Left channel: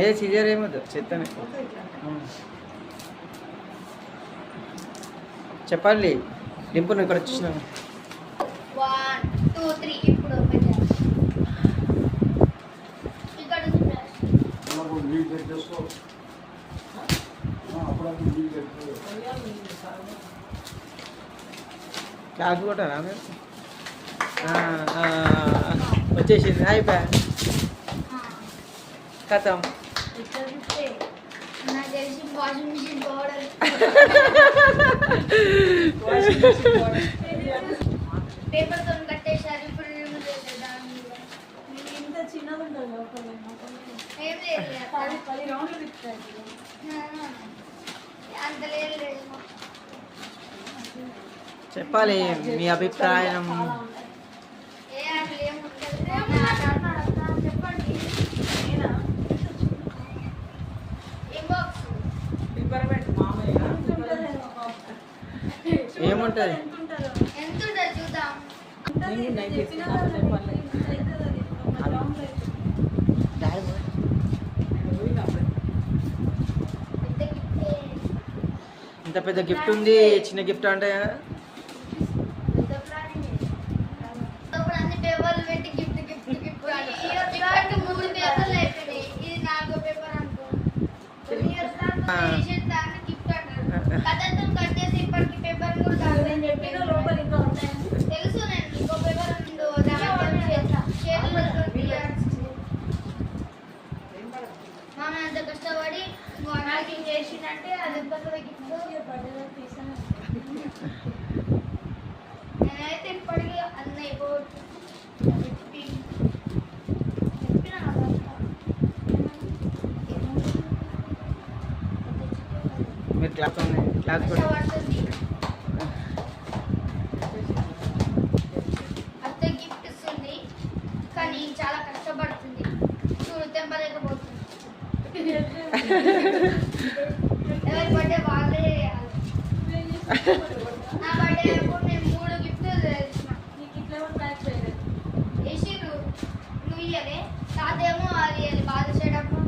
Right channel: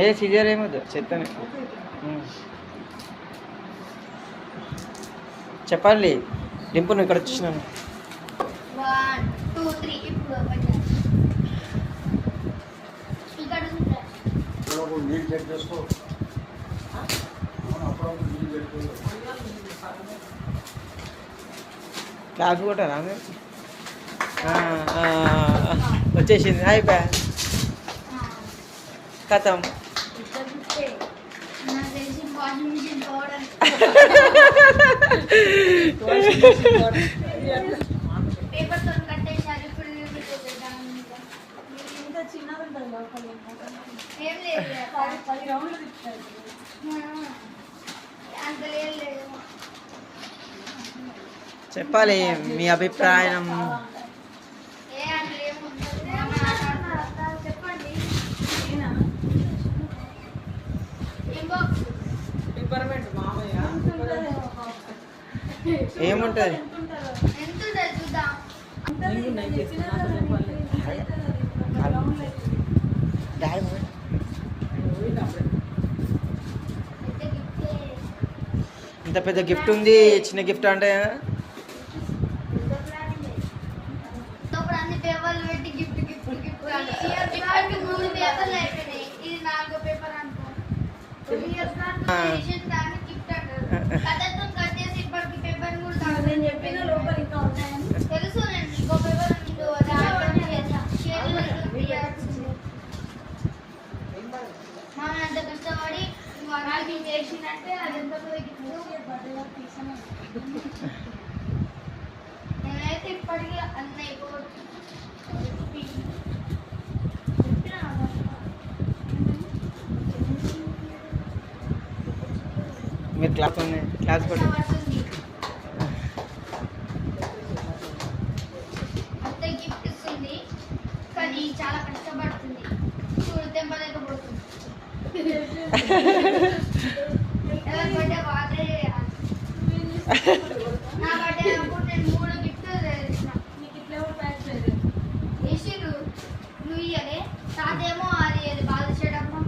ఏ scissor ఏమొద్దు చెత్తనే చెప్పాలి డింపు నువ్వు ఇక్కడ వచ్చేసినాను 1 2 3 ఇప్పుడు ఓపెన్ చేయాలి ఇక్కడ అప్పుడు నీళ్ళు చెక్ చేసుకో అప్పుడు నీళ్ళు చెక్ చేసుకో క్లాస్ కొట్టారా మీరు వచ్చేసింది అయిపోయా కథం నాకు తెలిసి వాషింగ్ మిషన్ పౌడర్ పేపర్ తో కట్టేశారు ఇప్పుడు ఇంత చిన్నది ఉంటుంది లోపల ఏం లేదు 10 రౌండ్లు తిప్పుతాయి అంత లేదు చెప్పాలి మీ అభిప్రాయం చెప్పండి ఏముంటుంది ఎంత ఉంటుంది చూద్దాం ఇంత పెద్ద గిఫ్ట్ ఉంది చిన్న గిఫ్ట్ అంటే అన్ని పేపర్లు పెట్టి గిఫ్ట్ గిఫ్ట్ గిఫ్ట్ ఇప్పటికి 3 పేపర్లు అయిపోయినాయి ఇది 4 పేపర్ అనుకో దాన్ని గిఫ్ట్ అంటారు కథతో కట్ చేసి ఇప్పటికి పేపర్ కూడా నేను చెప్పిన లోపల ఇంకా ఉంటాయని తెలుసు నేను ఇంకో పేపర్ ఉందో మామ అంత కష్టపడి నువ్వు అన్నాకి చేసిందంటే అది ఎంత పెద్ద గిఫ్ట్ బర్త్డేలో తీసాను నేనైతే ఇప్పటికీ అన్న అయిపోవచ్చు మీరు క్లాస్ కూడా అత్త గిఫ్ట్ ఇస్తుంది కానీ చాలా కష్టపడుతుంది తెంపలేకపోతుంది ఎవరి బర్త్డే బాగా నా బర్త్డే అప్పుడు నేను 3 గిఫ్ట్లు తెచ్చిన నీకు ఇట్లా కూడా ప్యాక్ చేయలేదు వేసిరు నువ్వు ఇయ్యలే తాతేమో అది బాగా చేయడమ్మా